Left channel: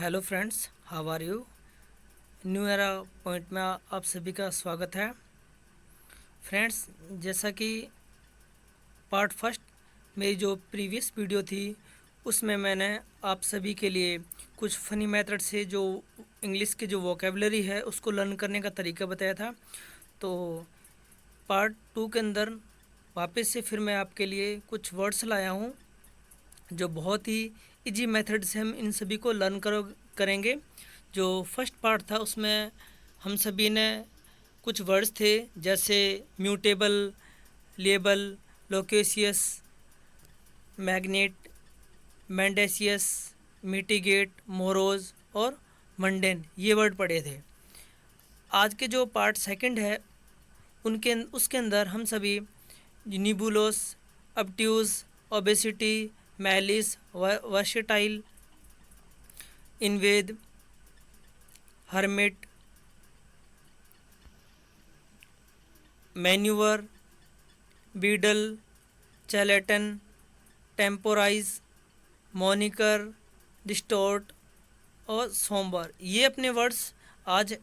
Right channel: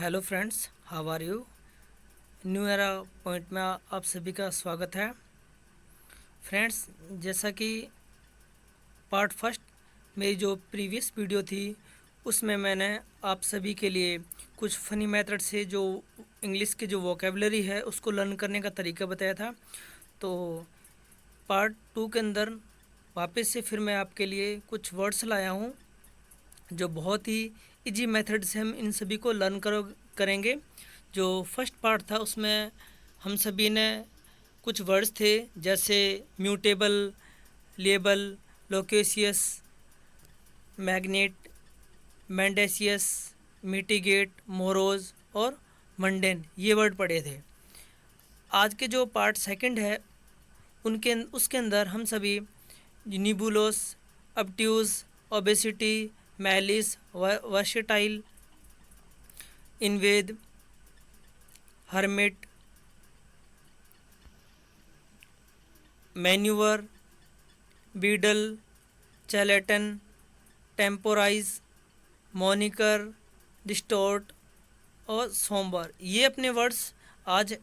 Hello friends, how are you. New era point में आप सभी का स्वागत है। फ्रेंड्स, जैसा कि पार्ट फर्स्ट मेरी जो प्रीवियस वीडियो थी उसमें मैंने आप सभी के लिए कुछ फ़नी मेथड से जो इंग्लिश के जो वोकेबलरी है उसको लर्न करने का तरीका बताया था। तो पार्ट टू के अंदर वापस से फिर मैं आपके लिए कुछ वर्ड्स लाया हूँ जो बहुत ही इजी मेथड से हम इन सभी को लर्न करेंगे। जो फर्स्ट पार्ट था उसमें हम सभी ने कुछ वर्ड्स थे जैसे mutable, labile, loquacious, magnate, mendacious, mitigate, morose और मंडेन, ये वर्ड पढ़े थे। आज के जो पार्ट सेकंड है उसके अंदर हम सभी nebulous, obtuse, obesity, malice, versatile, invade, hermit, manoeuvre, beadle, charlatan, temporise, moniker, distort और सोमबर, ये अपने वर्ड्स आज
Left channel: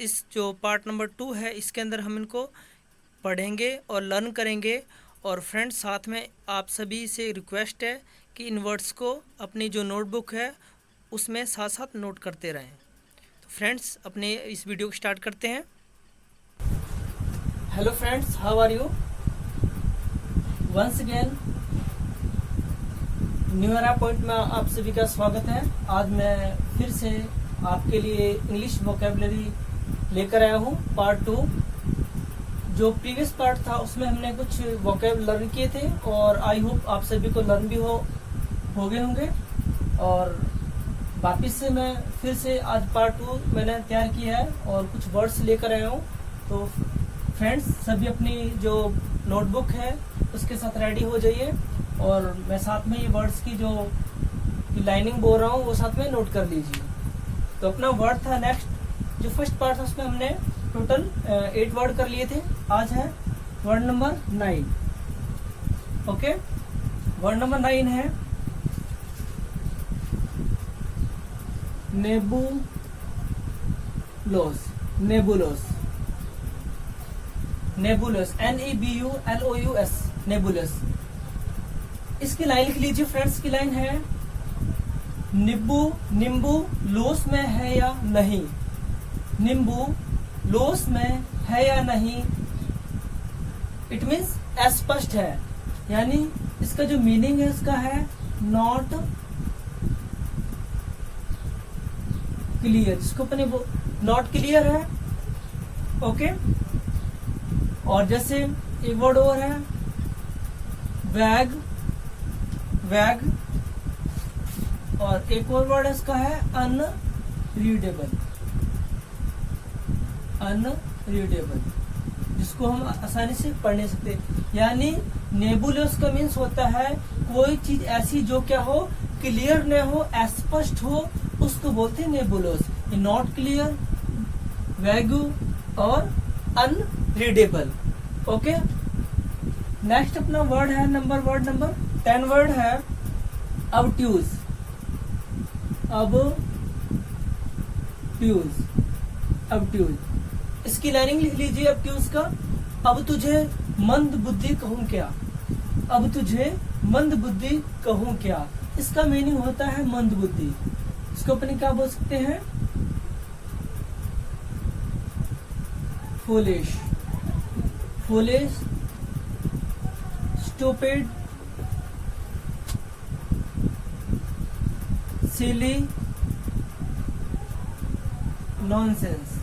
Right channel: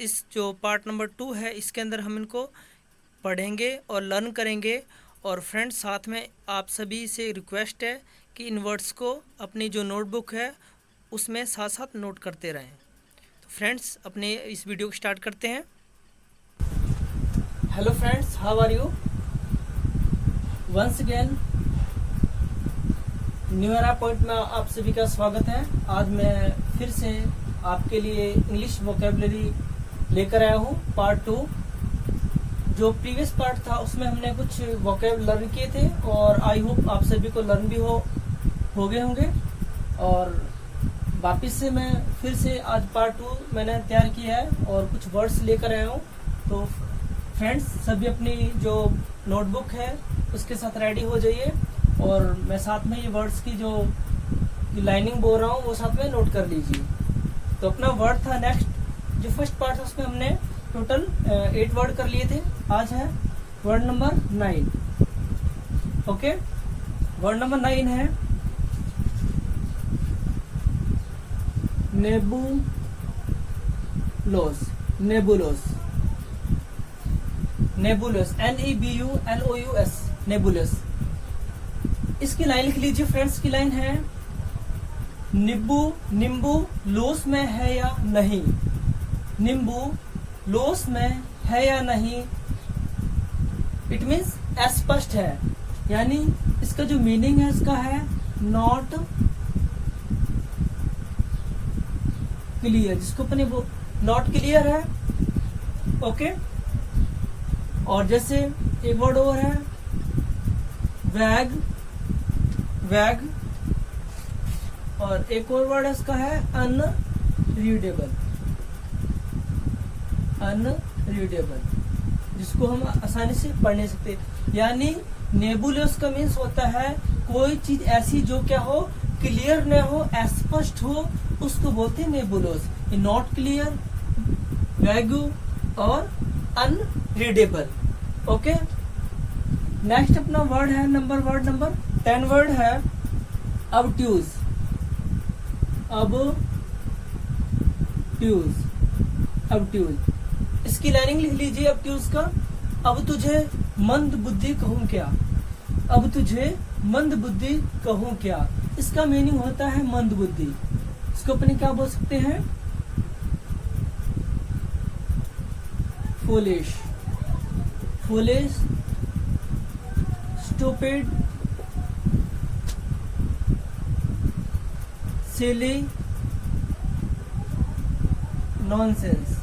इस जो पार्ट नंबर 2 है इसके अंदर हम इनको पढ़ेंगे और लर्न करेंगे। और फ्रेंड्स, साथ में आप सभी से रिक्वेस्ट है कि इन वर्ड्स को अपनी जो नोटबुक है उसमें साथ साथ नोट करते रहें। तो फ्रेंड्स, अपने इस वीडियो को स्टार्ट करते हैं। Hello friends, how are you. Once again new era point में आप सभी का स्वागत है। आज मैं फिर से आपके लिए इंग्लिश वोकेबलरी लेकर आया हूँ पार्ट 2। जो प्रीवियस पार्ट था उसमें हमने कुछ वोकेब लर्न किए थे और आई होप आप सभी को लर्न भी हो गए होंगे। और वापिस से मैं फिर से आज पार्ट 2 मैंने तैयार किया है और कुछ वर्ड्स लेकर आया हूँ। तो फ्रेंड्स, सभी अपनी जो नोटबुक है उसके साथ रेडी हो जाइए और मैं साथ में ये वर्ड्स की जो लाइनिंग बोल रहा हूँ वो साथ में नोट कर लीजिए। तो अपना वर्ड था नेक्स्ट, जो फर्स्ट पार्ट था उसमें हमने टोटल 8 वर्ड कर लिए थे। आज है word number 9। Okay, word number 9 है नेबुलोस। नेबुलोस, नेबुलस, NEBULOUS, नेबुलस। इसकी लाइन लिख लीजिए फ्रेंड्स। की लाइन है नींबू लोस में है या नहीं। नींबू लोस में है या नहीं, इट मीन्स अस्पष्ट है, यानी इसका जो मीनिंग है इसका है नॉट क्लियर, जिसको अपने वो नॉट क्लियर है। ओके, और जैसे एक वर्ड और है वैग, वैग, और एक और वर्ड है इसका है अनरीडेबल, अनरीडेबल, जिसको हम आसानी से पढ़ नहीं सकते। यानी नेबुलस का मीन्स होता है कोई चीज ऐसी जो क्या हो, क्लियर न हो, अस्पष्ट हो, उसको बोलते हैं नेबुलस। नॉट क्लियर, वैगू और अनरीडेबल। ओके, नेक्स्ट अपना वर्ड है वर्ड नंबर 10 वर्ड है ऑब्ट्यूज। ऑब्ट्यूज, इसकी लाइनिंग लिख लीजिए ऑब्ट्यूज का। अब तुझे मंद बुद्धि कहूं क्या। अब तुझे मंद बुद्धि कहूं क्या, इसका मीनिंग होता है मंद बुद्धि। इसको अपने क्या बोल सकते हैं, फूलिश, फूलिश, स्टूपिड, सिली, नॉनसेंस।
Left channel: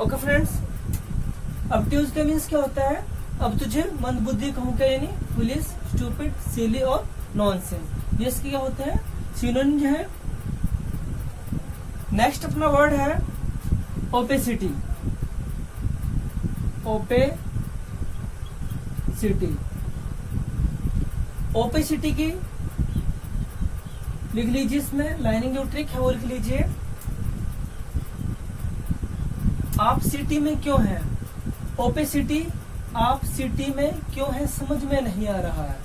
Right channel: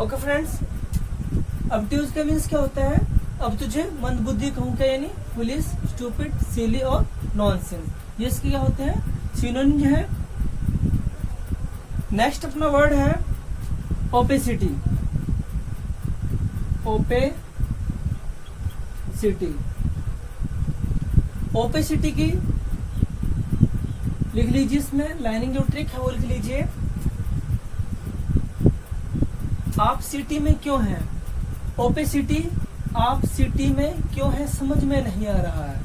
ओके फ्रेंड्स, ऑब्ट्यूज का मीन्स क्या होता है, अब तुझे मंद बुद्धि कहूं क्या, यानी फुलिश, स्टूपिड, सिली और नॉनसेंस। ये इसके क्या होते हैं, सिनोनिम है। नेक्स्ट अपना वर्ड है ओपेसिटी। ओपेसिटी, ओपेसिटी की लिख लीजिए, इसमें लाइनिंग जो ट्रिक है वो लिख लीजिए। आप सिटी में क्यों हैं, ओपेसिटी, आप सिटी में क्यों हैं समझ में नहीं आ रहा है।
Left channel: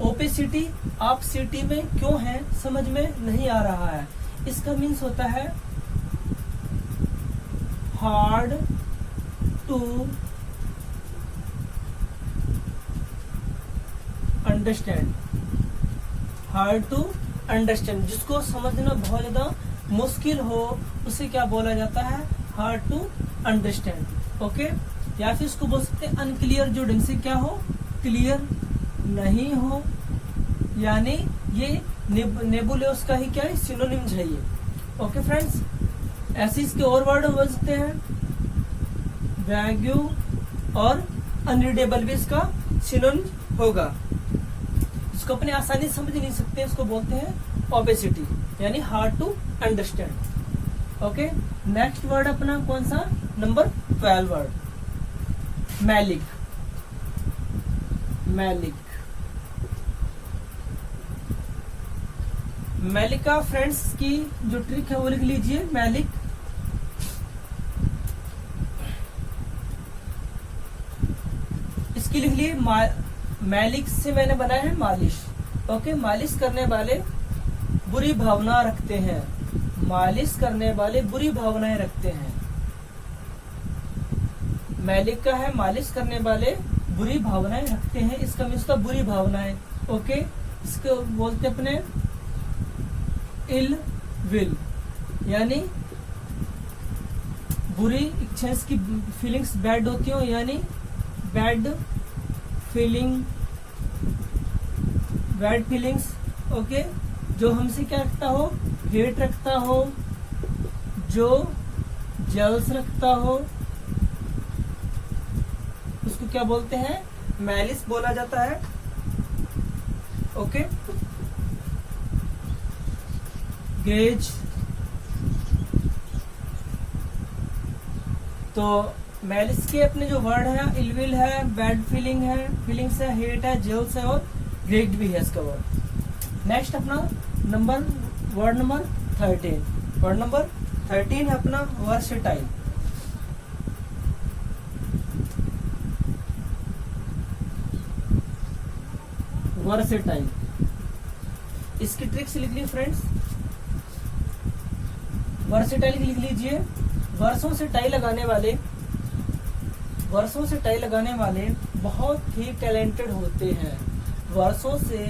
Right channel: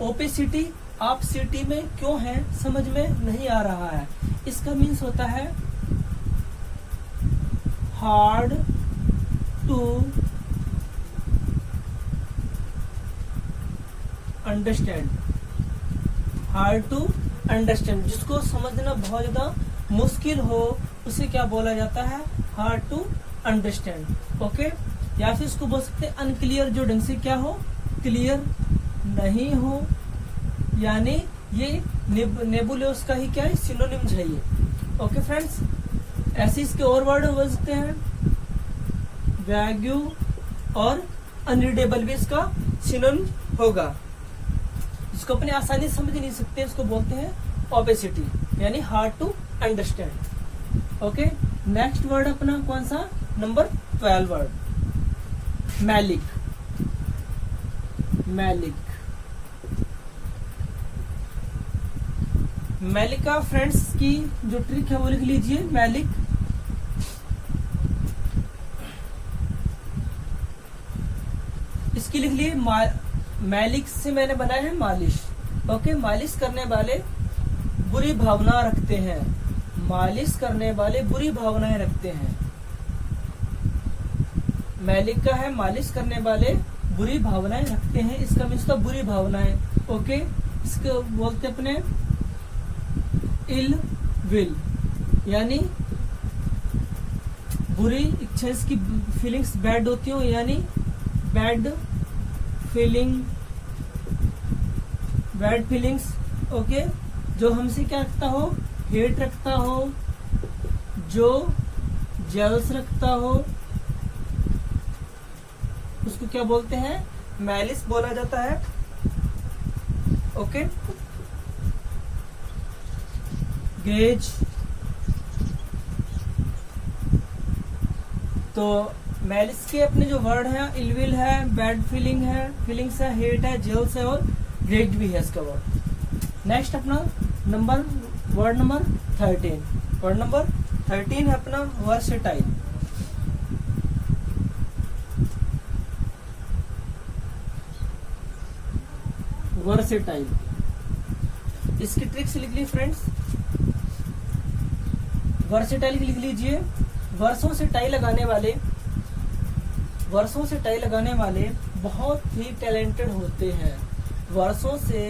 ओपेसिटी, आप सिटी में क्यों हैं समझ में नहीं आ रहा है। इसका मीन्स होता है hard to understand, hard to understand, जिसको समझना बहुत ज्यादा मुश्किल हो उसे क्या बोला जाता है, हार्ड टू अंडरस्टैंड। ओके, या फिर इसको बोल सकते हैं अनक्लियर, जो ढंग से क्या हो, क्लियर नहीं हो, यानी ये नेबुलियस का ही क्या है, सिनोनिम्स है ये। ओके फ्रेंड्स, ऐसे इसके और वर्ड हो सकते हैं, वैग्यू और अनरीडेबल भी इसका सिनोनिम होगा। इसको अपने आसानी से समझ नहीं सकते, इसको बोलते हैं ओबेसिटी, यानी hard to understand. Okay, next word अपना कौन सा, नंबर 12 वर्ड, मैलिक। मैलिक, मैलिका फ्रेंड्स की जो ट्रिक है वो लिख लीजिए, मैलिक। इसकी लिख लिए मैलिक से मैंने बनाया है मालिश। ओके, मालिश करने वाले बुरी भावना रखते हैं, मालिश करने वाले बुरी भावनाएं रखते हैं। मैलिक का है मालिश करने वाले बुरी भावनाएं रखते हैं, इसका मीन्स का बुरी भावनाएं। ओके, इसको बोलते अपने इल विल, यानी बुरी इच्छा, इसकी फीलिंग्स बैड होती हो, यानी bad feeling, bad feelings. Okay, जो हमसे क्या रखता हो, हेट रखता हो, जो जेलस रखता हो, उसको क्या बोलते हैं, मैलिस बोला जाता है। ओके, गेज, तो मैलिस के अपने जो वर्ड है, इलविल है, बैड फीलिंग है, फीलिंग्स है, हेट है, जेल्स है और ग्रेज भी है इसका वर्ड। नेक्स्ट अपना वर्ड नंबर 13, वर्ड नंबर 13 है अपना वर्सेटाइल। वर्सेटाइल, इसकी ट्रिक्स लिख ली फ्रेंड्स, वर्सेटाइल लिख लीजिए। वर्षों से टाई लगाने वाले, वर्षों से टाई लगाने वाले बहुत ही टैलेंटेड होते हैं। वर्षों से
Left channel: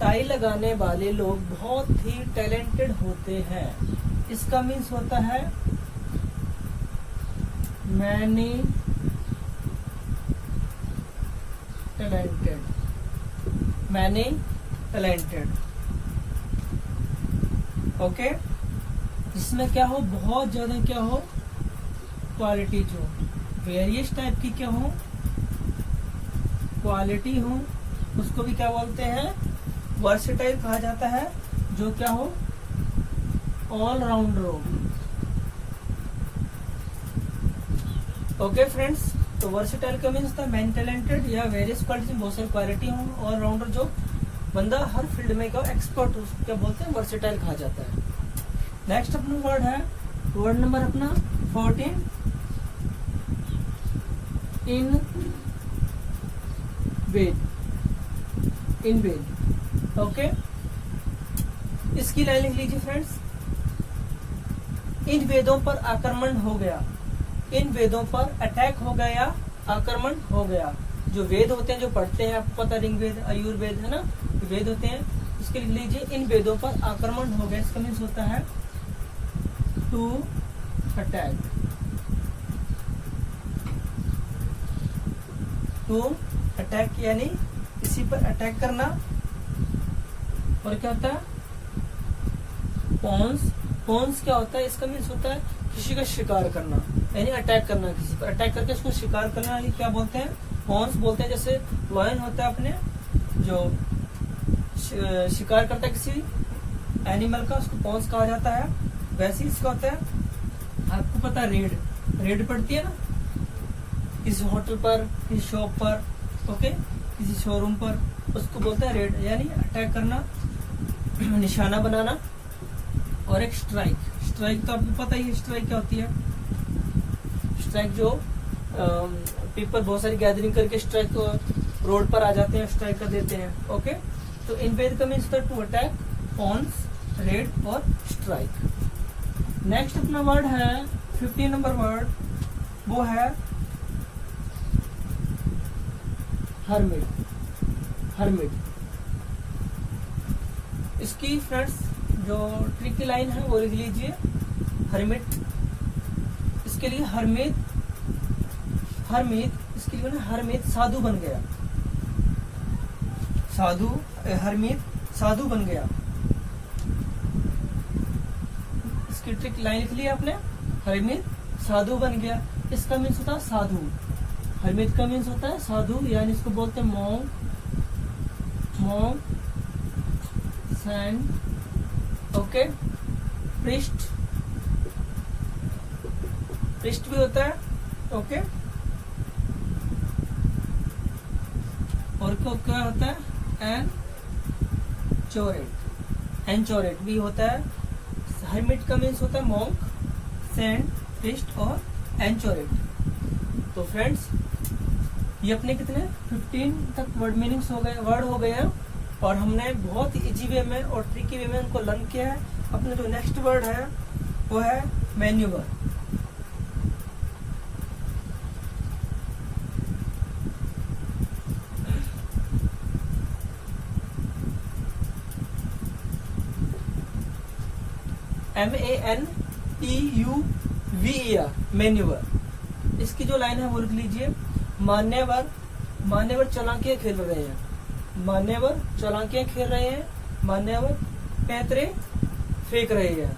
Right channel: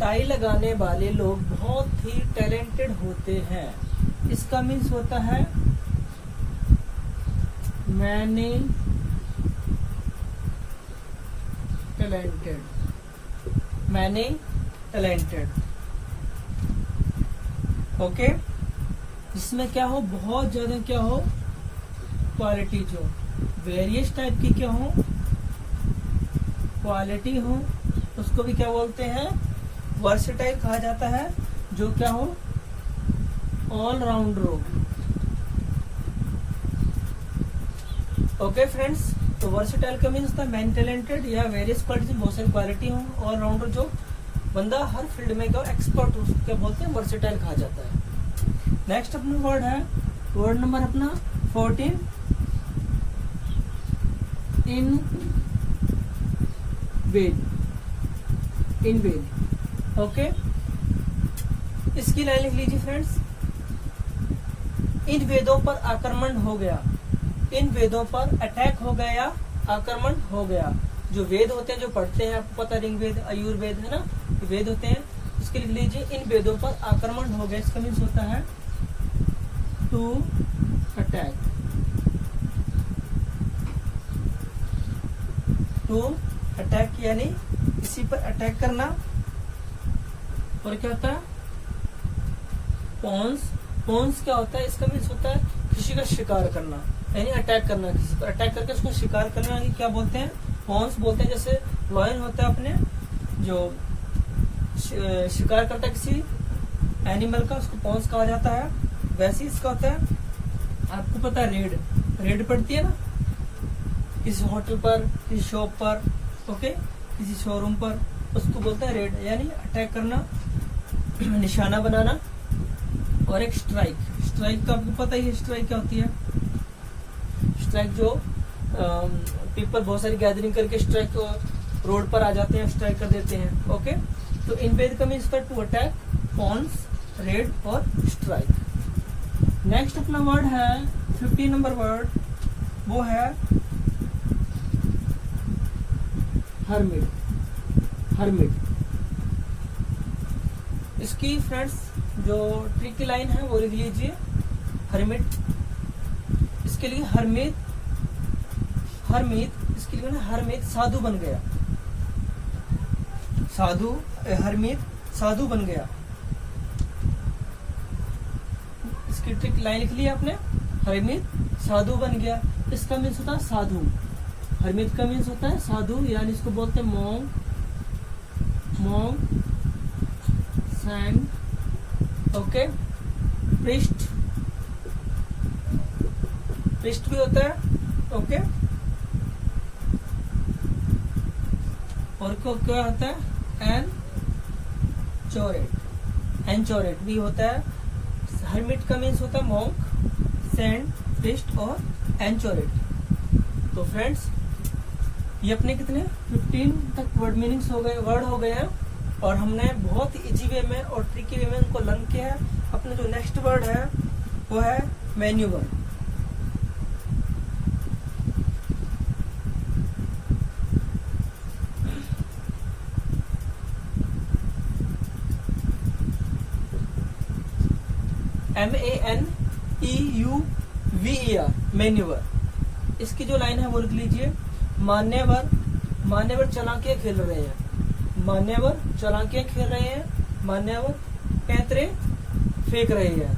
टाई लगाने वाले लोग बहुत ही टैलेंटेड होते हैं। इसका मीन्स होता है many talented, many talented. Okay, जिसमें क्या हो, बहुत ज्यादा क्या हो, क्वालिटी, जो वेरियस टाइप की क्या हो, क्वालिटी हो, उसको भी क्या बोलते हैं, वर्सेटाइल कहा जाता है। जो क्या हो, ऑल राउंडर हो। ओके फ्रेंड्स, तो वर्सेटाइल का मीन्स था मैन टैलेंटेड या वेरियस क्वालिटी में बहुत सारी क्वालिटी हो, ऑल राउंडर, जो बंदा हर फील्ड में का एक्सपर्ट हो, क्या बोलते हैं, वर्सेटाइल कहा जाता है। नेक्स्ट अपना वर्ड है, वर्ड नंबर अपना 14, इन वेद, इन वेद। ओके, इसकी लाइन लिख लीजिए फ्रेंड्स, इन वेदों पर आक्रमण हो गया, इन वेदों पर अटैक हो गया या आक्रमण हो गया। जो वेद होते हैं, जो पढ़ते हैं, आपको पता, ऋग्वेद, आयुर्वेद है ना, वेद होते हैं, उसके लिख लीजिए इन वेदों पर आक्रमण हो गया। इसका मीन्स होता है टू अटैक, टू अटैक यानी किसी पर अटैक करना। और क्या होता है, पॉन्स, पॉन्स क्या होता है, इसका मीन्स होता है किसी का शिकार करना, यानी अटैक करना, किसी पर अटैक करके उसको शिकार करना, यानी क्या बोलते हैं, पॉन्स बोलते हैं। जैसे लॉयन होता है अपने, जो शिकार करता है किसी एनिमल का, उसको पॉन्स कहा जाता है। वैसे ही इसका होता है, आपको पता है, रेड, रेड पड़ती है ना, किसी होटल पर, किसी शॉप पर, ओके, किसी शोरूम पर, उसको बोलते हैं रेड, यानी अटैक करना, निशाना बनाना। और एक स्ट्राइक, स्ट्राइक तो आपको पता ही है, स्ट्राइक क्या होती है, स्ट्राइक जो पीपल बहुत सारी गैदरिंग करके स्ट्राइक रोड पर आ जाते हैं, स्ट्राइक कर देते हैं। ओके, तो इन्वेड का means to attack, pounce, raid और स्ट्राइक। नेक्स्ट अपना वर्ड है 15 नंबर वर्ड, वो है हर्मिट। हर्मिट इसकी फ्रेंड्स जो ट्रिक की लाइन है वो लिख लीजिए, हर्मिट। इसके लिए हर्मित, इसके लिए हर्मित साधु बन गया, साधु, हर्मित साधु बन गया। इसकी ट्रिक लाइन लिख ली आपने, हर्मित साधु बन गया। इसका मीन्स होता है साधु, हर्मित का मीन्स होता है साधु, यानी इसको बोलते हैं monk, saint, okay. Priest, priest भी होता है, ओके। और क्या होता है, एनचोरेट भी होता है। हर्मिट का मीन्स होता है मॉन्क, सेंट, प्रिस्ट और एनचोरेट। तो फ्रेंड्स ये अपने कितने 15 तक वर्ड मीनिंग्स हो गए, वर्ड हो गए हैं, और हमने बहुत इजी वे में और ट्रिकी वे में उनको लर्न किया है। अपने जो नेक्स्ट वर्ड है वो है मैन्यूवर। MANEUVER, manoeuvre. इसकी जो लाइन है वो लिख लीजिए, मान्यवर, मान्यवर चालाकियां खेल रहे हैं, मान्यवर चालाकियां खेल रहे हैं, मान्यवर पैतरे फेंक रहे हैं।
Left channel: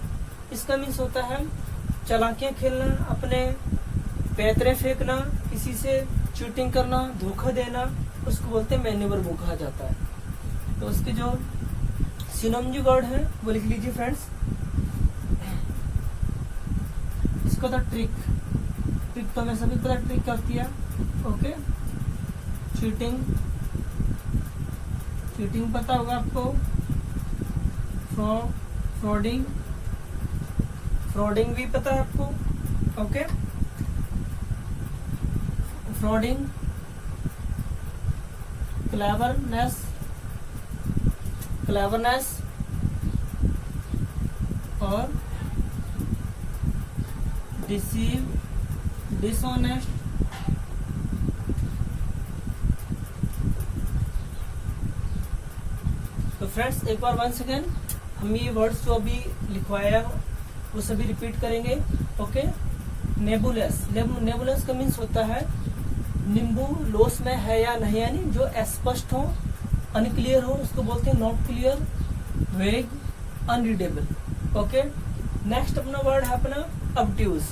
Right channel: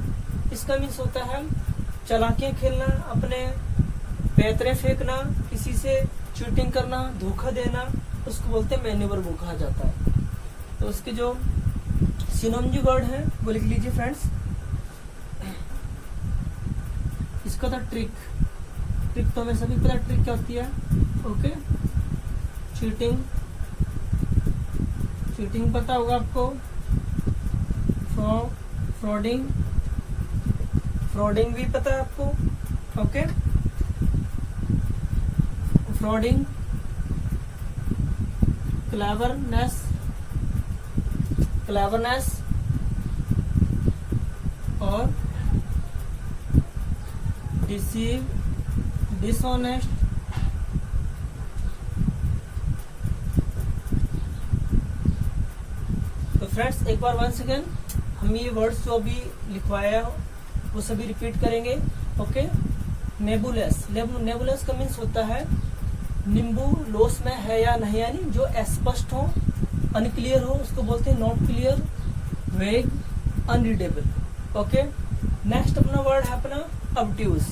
इसका मीन्स होता है चालाकियां खेलना, अपने पैतरे फेंकना, किसी से चीटिंग करना, धोखा देना, उसको बोलते हैं मैन्यूवर, वो कहा जाता है। तो उसके जो सिनोनिम वर्ड है वो लिख लीजिए फ्रेंड्स। इसका था ट्रिक, ट्रिक तो हमें सभी पता ट्रिक क्या होती है, ओके। चीटिंग, चीटिंग पता होगा आपको। फ्रॉडिंग, फ्रॉडिंग भी पता है आपको, ओके। फ्रॉडिंग, क्लेवरनेस, क्लेवरनेस और डिसीव, डिसऑनेस्ट, तो फ्रेंड्स एक बार वंस अगेन हम ये वर्ड्स जो अभी लिखवाया वो सभी रिपीट करेंगे, ओके। नेबुलस, नेबुलस का मीन्स होता है नींबू लोस में है या नहीं, यानी जो अस्पष्ट हो, अनक्लियर हो, उसको बोलते हैं नॉट क्लियर, वेग, अनरीडेबल, ओके। नेक्स्ट अपना वर्ड है अपना ऑब्ट्यूज।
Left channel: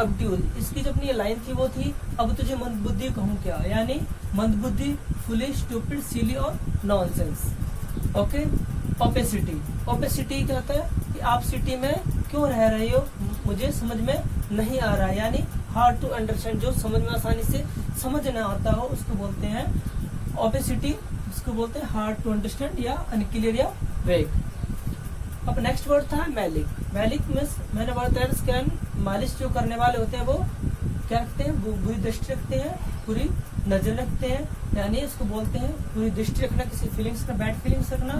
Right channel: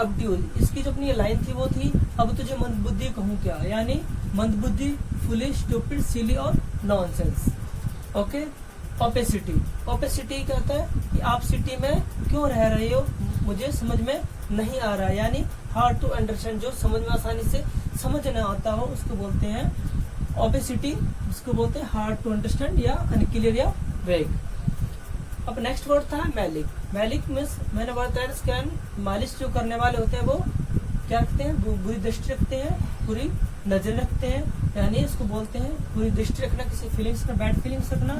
ऑब्ट्यूज इसकी जो अपनी लाइन थी वो थी, अब तुझे मंदबुद्धि कहूँ क्या, यानी मंदबुद्धि, फुलिश, स्टूपिड, सिली और नॉनसेंस, ओके। ओपेसिटी, ओपेसिटी क्या होता है कि आप सिटी में क्यों रह रहे हो, मुझे समझ में नहीं आ रहा है, यानी हार्ड टू अंडरस्टैंड, जो समझ में आसानी से समझ ना आता हो उसको बोलते हैं ओपेसिटी, उसको बोलते हैं हार्ड टू अंडरस्टैंड या अनक्लियर या वेग। अब नेक्स्ट वर्ड था मैलिक। मैलिक मीन्स मैंने बताया स्कैन, मालिश जो करने वाले होते हैं वो क्या रखते हैं, बुरी दृष्टि रखते हैं, बुरी नजर रखते हैं, यानी इसको बोलते हैं बुरी दृष्टि रखना, किसी फीलिंग्स का बैड फीलिंग्स रखना,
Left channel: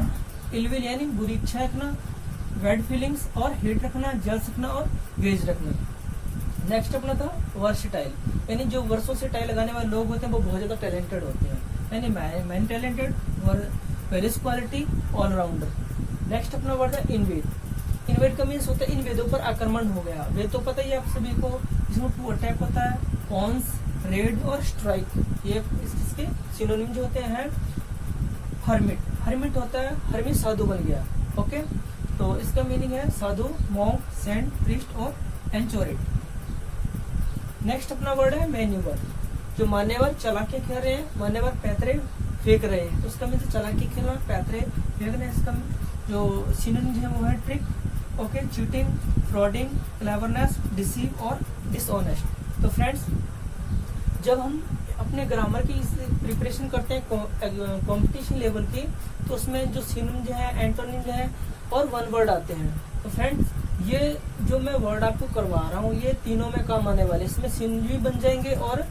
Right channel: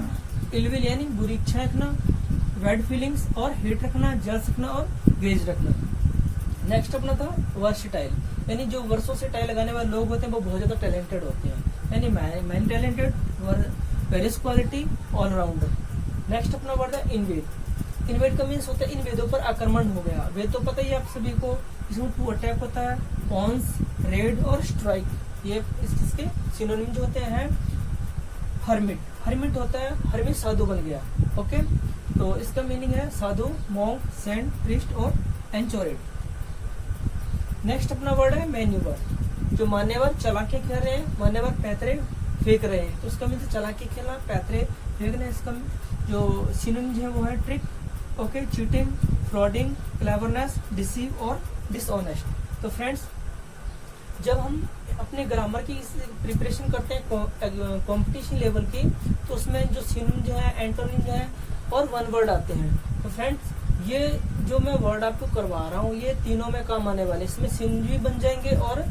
इलविल यानी बुरी इच्छा रखना, बैड फीलिंग्स और हेट रखना, जल्स रखना और ग्रेज रखना। नेक्स्ट अपना था वर्सटाइल, यानी जो वर्षों से टाइल लगाने वाले लोग होते हैं वो बहुत ज्यादा टैलेंटेड होते हैं, यानी man talented, various quality, allrounder. Next अपना वर्ड है इन्वेड। इन्वेड का मीन्स होता है इन वेदों पर आक्रमण हो गया। वेद तो पता ही है आप सभी को, इसमें टू अटैक होता है, कॉन्स, रेड और स्ट्राइक, ये इसके सिनोनिम जो होते हैं। हर्मिट, हर्मिट होता है हर्मिट साधु बन गया, ओके। तो इसका मीनिंग है साधु, मॉन्क, सेंट, प्रीस्ट और एनचोरेट। नेक्स्ट अपना वर्ड है मैन्यूवर, जो मान्यवर चालाकियां खेल रहे हैं, मान्यवर पैतरे फेंक रहे हैं, तो उसका मीन चालाकी खेलना, पैतरे फेंकना। इसका जो सिनोनिम है वो है trick, okay, cheating, frauding, cleverness, deceive और डिसऑनेस्ट। तो फ्रेंड्स जब हम अपने ग्रामर की प्रिपरेशन करते हैं कंपटीशन लेवल की, तो उसमें जो सिनोनिम जो है, एंटोनिम जो है और वन वर्ड आते हैं। तो फ्रेंड्स ये जो मैं वर्ड आपको करवा रहा हूँ ये तीनों में काम आने वाले, इसमें सिनोनिम भी बन जाएंगे और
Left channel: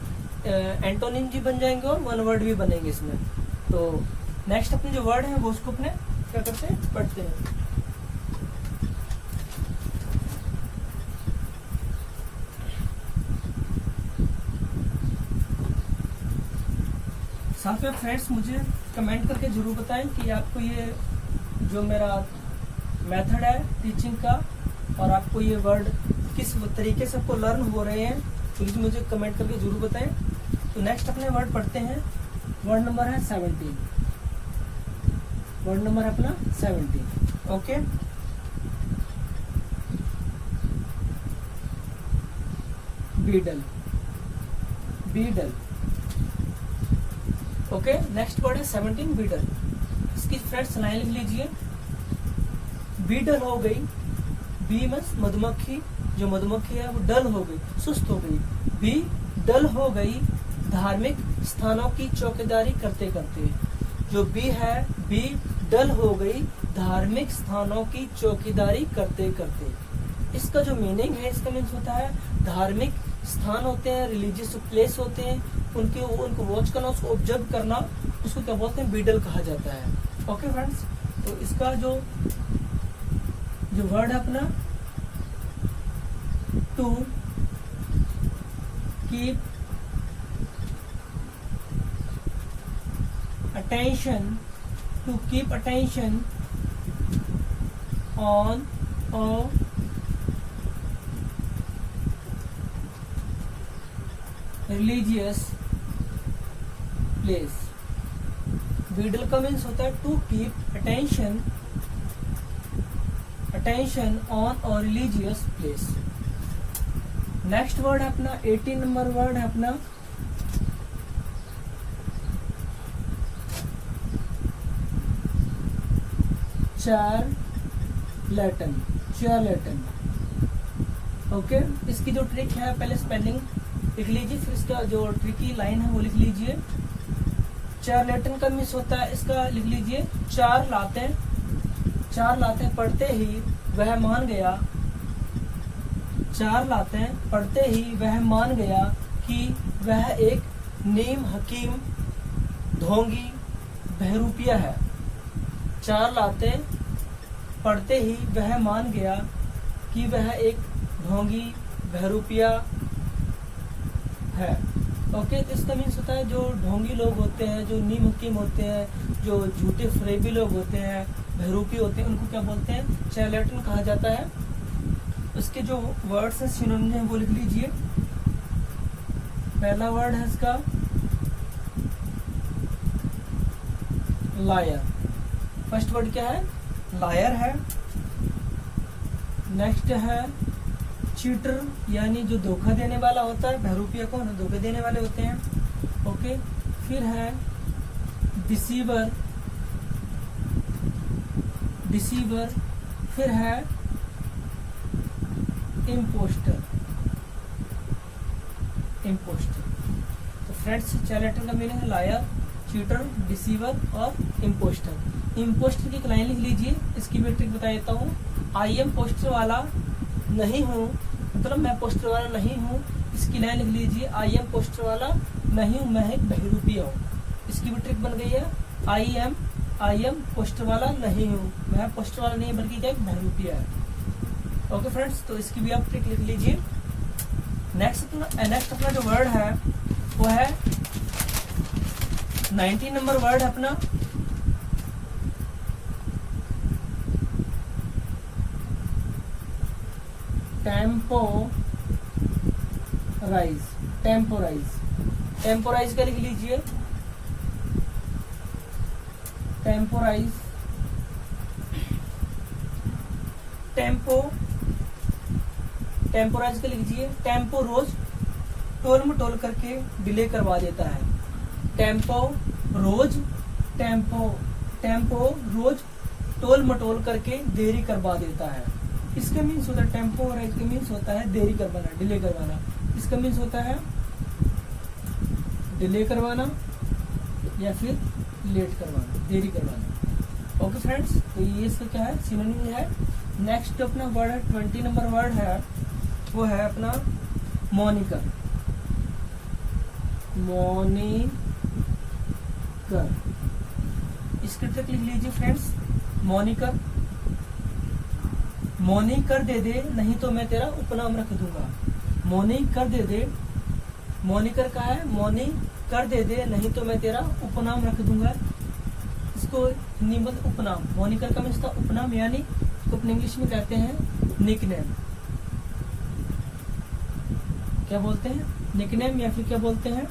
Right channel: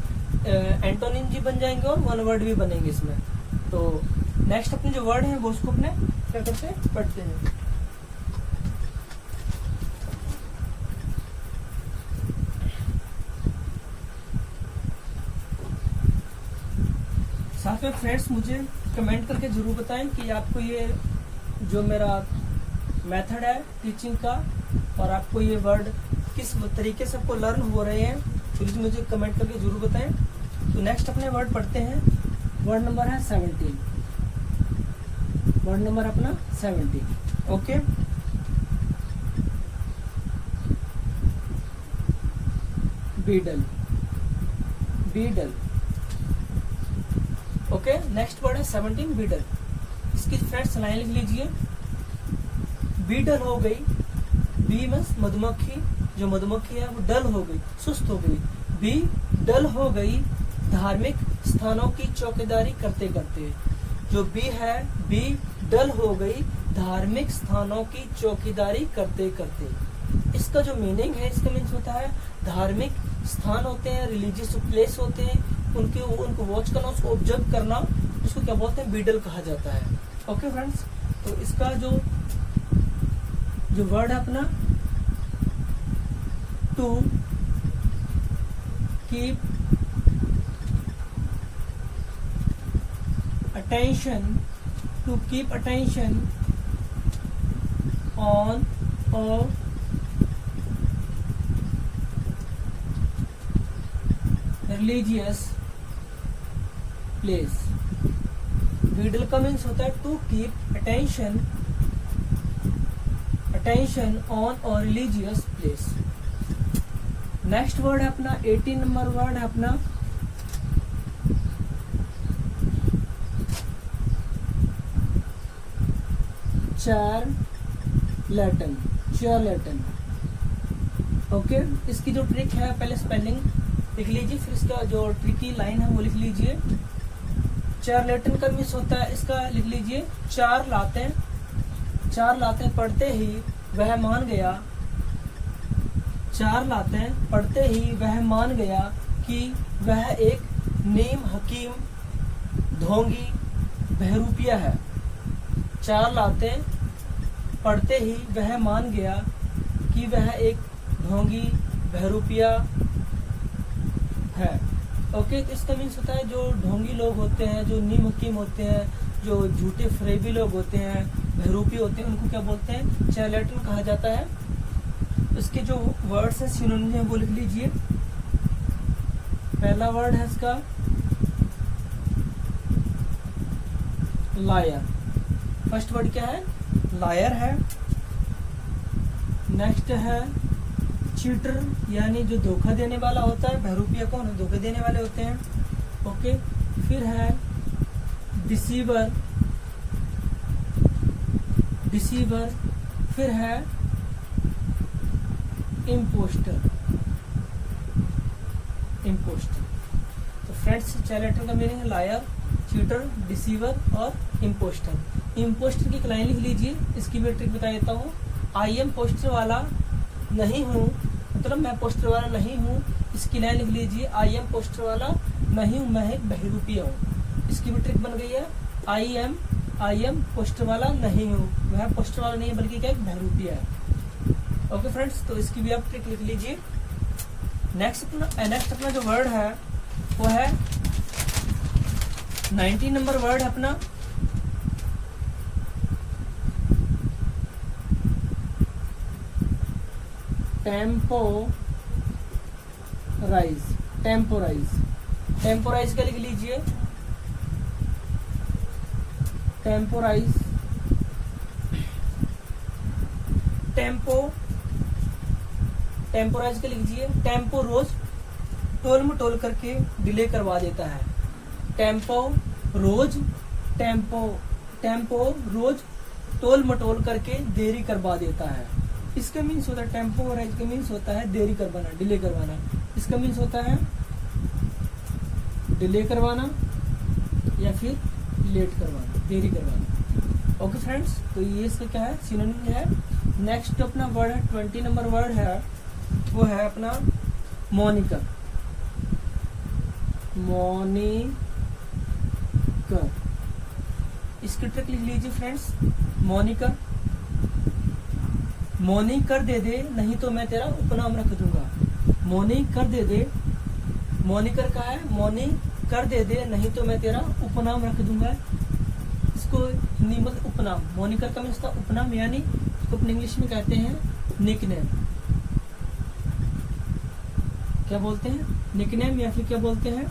एंटोनिम भी बन जाएंगे और वन वर्ड भी बनेंगे इसमें। तो नेक्स्ट अपने जो वर्ड है वो उसको अपने क्या करते हैं, पढ़ते हैं। साथ में फ्रेंड्स मुझे कमेंट करके जरूर बताएं कि आपको ये जो मेरा मेथड है टीचिंग का और आपको ये वर्ड किस तरीके से आपको लर्न हो रहे हैं, तो मुझे कमेंट करके जरूर बताएं। तो नेक्स्ट अपने वर्ड पढ़ते हैं। वर्ड नंबर है 17। वर्ड नंबर अपना 17। Okay, beetle, beetle. Okay, next word है 17, बीडल। इसकी फ्रेंड्स लाइन लिख लीजिए। बीडल हो गई, बी मीन्स मधुमक्खी, जो मधुमक्खी है वो डल हो गई, सुस्त हो गई। बी डल हो गई धार्मिक स्थानों की चौकीदारी करते करते। जो बी है, बी डल हो गई धार्मिक स्थानों की चौकीदारी करते करते। इसका जो मीनिंग है, इसका मीन्स होता है धार्मिक स्थान होते हैं, रिलीजियस प्लेस होते हैं, उनको वॉच करना, उसको ऑब्जर्व करना, उसको क्या बोलते हैं, बीडल कहा जाता है। ओके फ्रेंड्स, तो इसका जो वर्ड है अपना to keep attention, to keep attention on a religious place. Beadle का मीन्स होता है टू कीप अटेंशन ऑन और रिलीजियस प्लेस। नेक्स्ट वर्ड है अपना 18 नंबर वर्ड है अपना चार्लेटन, चार्लेटन। ओके, इसकी जो ट्रिक है, पहले स्पेलिंग लिख लीजिए, फिर इसका जो ट्रिकी लाइन है वो लिख लीजिए। चार्लेटन का मीन्स होता है, इसका लिख लीजिए, चार लाते पढ़ते ही वह मान गया, चार लाते पढ़ते ही वह मान गया कि वह एक नीम हकीम ढोंगी बहरूपिया है। चार लाते पढ़ते ही वह मान गया कि वह एक ढोंगी बहरूपिया है। ओके, तो इसका मीन्स होता है जो ढोंगी लोग होते हैं, जो नीम हकीम होते हैं, जो झूठे फरेबी लोग होते हैं, बहरूपी होते हैं, उनको क्या बोलते हैं, चार्लेटन कहा जाता है। इसके जो वर्ड्स हैं, सिनोनिम है, वो लिख लीजिए। पहला वर्ड है इसका लायर। फर्स्ट वर्ड क्या है, लायर है। नेक्स्ट है चीटर, यानी जो धोखा देने वाला होता है। बहरूपिया कौन है, धोखा देने वाले होते हैं। ओके, फिर है डिसीवर, डिसीवर। फिर है इम्पोस्टर, इम्पोस्टर। तो फ्रेंड्स, चार्लेटन का मीनिंग है लायर, चीटर, डिसीवर और इम्पोस्टर। इम्पोस्टर की एक लाइन लिख लीजिए, इसकी भी ट्रिक बता देता हूँ। आई एम पोस्टर वाला नहीं हूँ, मतलब मैं पोस्टर वाला नहीं हूँ। इसकी लाइन लिख लीजिए, आई एम पोस्टर वाला नहीं हूँ, मैं एक बहरूपिया हूँ। इसकी भी ट्रिक बन गई है, आई एम पोस्टर वाला नहीं हूँ, मैं पोस्टर वाला नहीं बल्कि क्या एक बहरूपिया है। ओके फ्रेंड्स, तो इसकी भी आप ट्रिक लिख लीजिए। नेक्स्ट अपना जो वर्ड है वो है 19 नंबर वर्ड है अपना टेम्पोराइज, टेम्पोराइज। टेम्पोराइज का लिख लीजिए, टेम्पोराइज, टेम्पोराइज का लीजिए। टेम्पो रोज टोल मटोल करके डिले करवा देता है। टेम्पो रोज टोल मटोल करके देरी करवा देता है। इसका मीन्स होता है, टेम्पोराइज का मीन्स होता है देरी करवाना, डिले करवाना। इसका मीन्स होता है डिले करवाना या फिर लेट करवाना, देरी करवाना। ओके फ्रेंड्स, तो ये इसका क्या है, सिनोनिम है। नेक्स्ट अपना वर्ड है 20 नंबर वर्ड है, वो है अपना मॉनिकर, मॉनिकर। इसकी ट्रिक लिख लीजिए फ्रेंड्स, मॉनिकर, मौनी कर दे दे नहीं तो मैं तेरा उपनाम रख दूंगा। मौनी कर दे दे, मौनिकर का है मौनी कर दे, नहीं तो मैं तेरा उपनाम रख दूंगा। इसको हिंदी में उपनाम, मोनिकर का मीन्स था उपनाम, यानी इसको अपने इंग्लिश में कहते हैं निकनेम। क्या बोलते हैं? निकनेम, या फिर क्या बोलते हैं?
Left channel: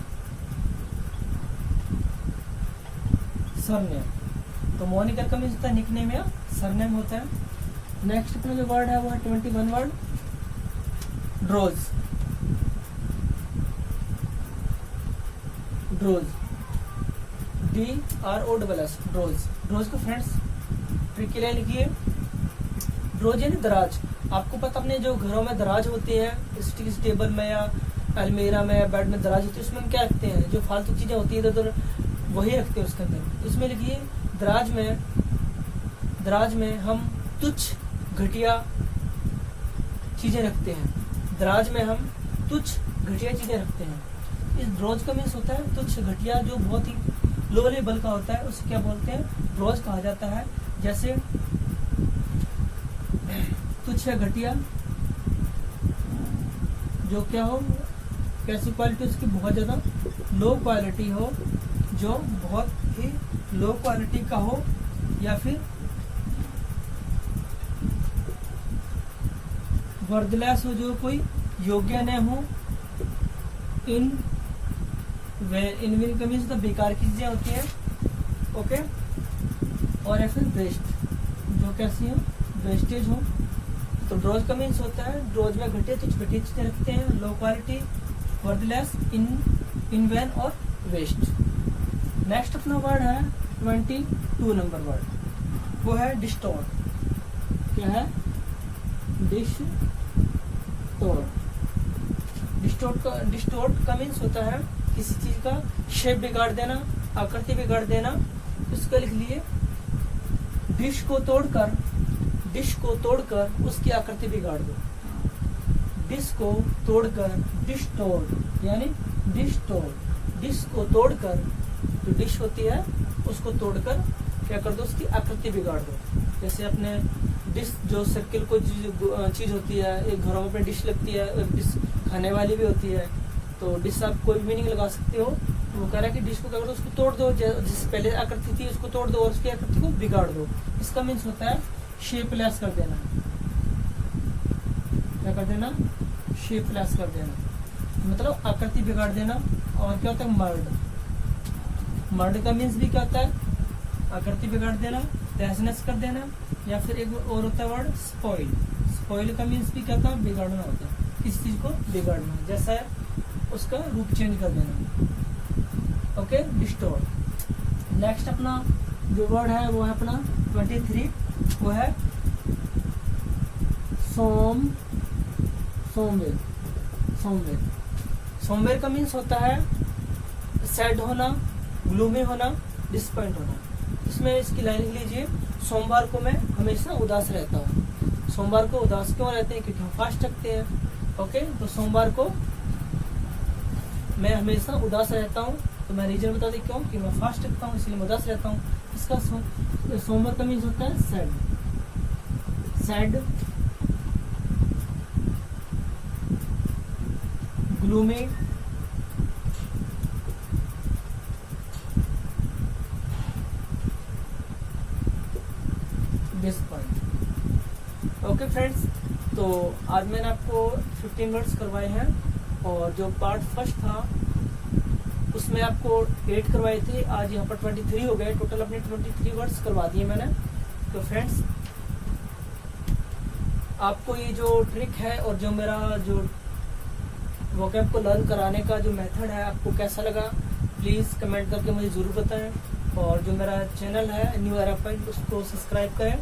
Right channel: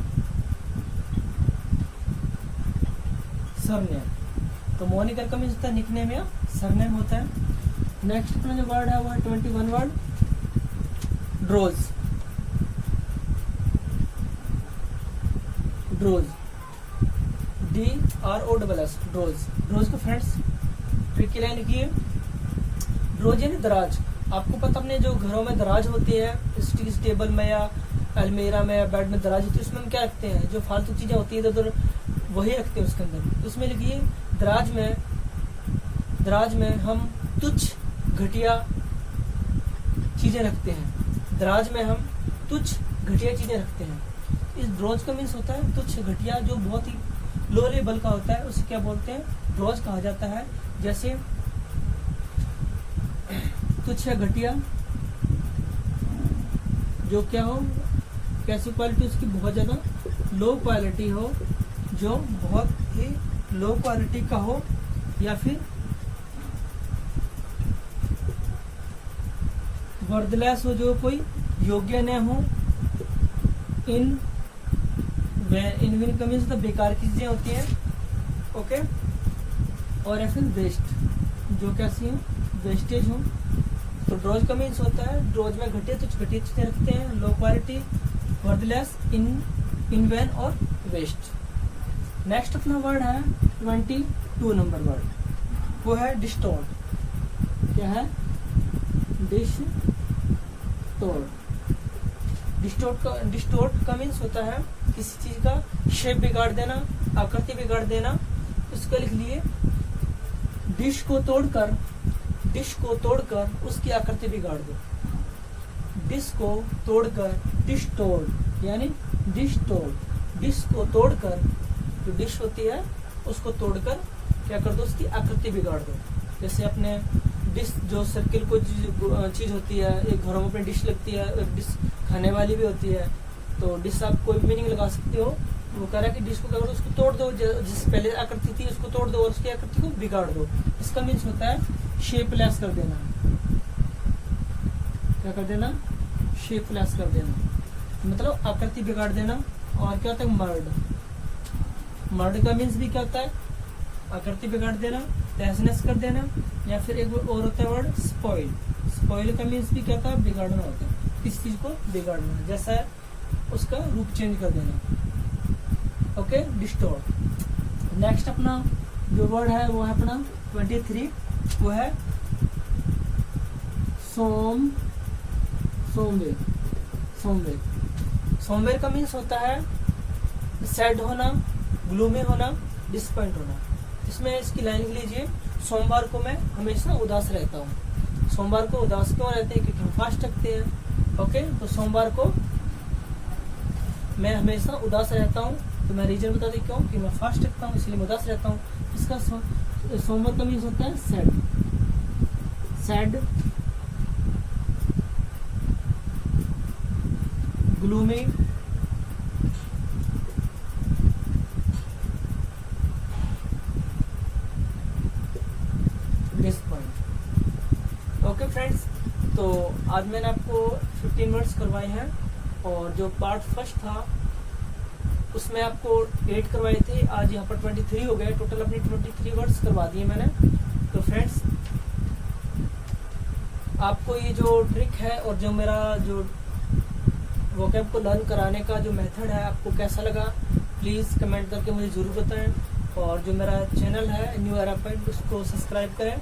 सरनेम। तो मोनिकर का मीन्स होता है निकनेम या सरनेम होता है। नेक्स्ट अपना जो वर्ड है वो है 21 वर्ड, ड्रोज। ड्रोज, DROSS, ड्रोज। ड्रोज को फ्रेंड्स ट्रिक की लाइन लिखिए। ड्रोज यानी दराज। आपको पता अपने जो घरों में दराज होती है, स्टील टेबल में या अलमीरा में या बेड में दराज होती है, उसमें हम क्या रखते हैं? जो फालतू चीजें होती है इधर वही रखते हैं उसके अंदर। उसमें लिखिए दराज में हम तुच्छ घटिया चीजें रखते हैं। दराज में हम तुच्छ घटिया चीजें रखते हैं। इस ड्रोज का मीन्स होता है तुच्छ घटिया, जो बहुत ही लो लेवल का होता है, उसे क्या बोलते हैं? ड्रोज कहा जाता है। जैसे तुच्छ या घटिया, जो क्या हो, कैसी क्वालिटी उसकी बहुत ज्यादा लो क्वालिटी हो, जो बहुत ही लो क्वालिटी का हो, या फिर वर्थलेस हो, जो कोई योग्य न हो। इन का मीन्स तो बेकार की चीजें होती हैं, ओके। और या फिर वेस्ट, जो कैसी है? वेस्टेज हो। तो ड्रोज का मीन्स होता है ड्रोज में घटिया तुच्छ घटिया चीजें रखते हैं, लो क्वालिटी, वर्थलेस, इन वैन और वेस्ट। नेक्स्ट अपना वर्ड है 22 नंबर वर्ड, वो है डिस्टॉर्ट। क्या है? डिस्टॉर्ट का मीन्स होता है किसी चीज का शेप बिगाड़ देना, आकृति बिगाड़ देना। उसको लिख लिए डिश को तोड़कर उसकी आकृति बिगाड़ दो। डिश को तोड़कर, डिस्टॉर्ट यानी डिस्टॉर्ट। डिश को तोड़कर, जो डिश होती है उसको तोड़कर क्या कर दो? उसकी आकृति बिगाड़ दो। जैसे अपने डिश, जो सर्किल कोई चीज होती है, एक घरों में अपनी डिश लगती है, एक डिश खाने वाली भी होती है। तो डिश आप कोई भी मीनिंग लगा सकते हो। वो कह रहा है कि डिश को क्या करो? उसको तोड़ दो, जिस पहले आकृति थी उसको तोड़ दो और उसकी आकृति को बिगाड़ दो। इसका मीन्स होता है शेपलेस कर देना। क्या कर देना? शेपलेस कर देना, मतलब आकृति बिगाड़ देना। और क्या होता है? मर्ड का मीन्स भी क्या होता है? आकृति बिगाड़ देना, तहस-नहस कर देना। या फिर एक और होता है वर्ड स्पॉइल। स्पॉइल का मीन्स भी क्या होता है? बिगाड़ना होता है, किसी चीज को बिगाड़ना, जैसा है उसका रूप चेंज कर देना, ओके। डिस्टॉर्ट। नेक्स्ट अपना जो वर्ड है वो है अपना 23, वो है सोमवेर का मीन्स होता है सैड होना, ग्लूमी होना, डिसपॉइंट होना। इसमें इसकी लाइन लिख लीजिए, सोमवार को मैं हमेशा उदास रहता हूँ। सोमवार को उदास क्यों रहते हैं? क्योंकि हम फास्ट रखते हैं, ओके। तो सोमवार को मैं हमेशा उदास रहता हूँ, तो मैं रीजन बता दी क्यों? कि मैं फास्ट रखता हूँ इसलिए मैं उदास रहता हूँ। इसका सोमवार का मीन्स होता है sad, gloomy, disappoint. Okay friends, तो आज मैंने आपको 15 वर्ड्स करवाए हैं, और जो पार्ट फर्स्ट था उसमें आपको 8 करवाए थे। आज यहाँ पर 23 हो गए, टोटल अपने 23 वर्ड्स करवा दिए मैंने। तो फ्रेंड्स, आपको ये जो ट्रिक है और जो मेरा जो वोकैब को लर्न कराने का जो मेथड है आपको कैसा लगा, प्लीज कमेंट करके मुझे जरूर बताएं। और जो मेरा चैनल है न्यू एरा पॉइंट, उसको सब्सक्राइब करें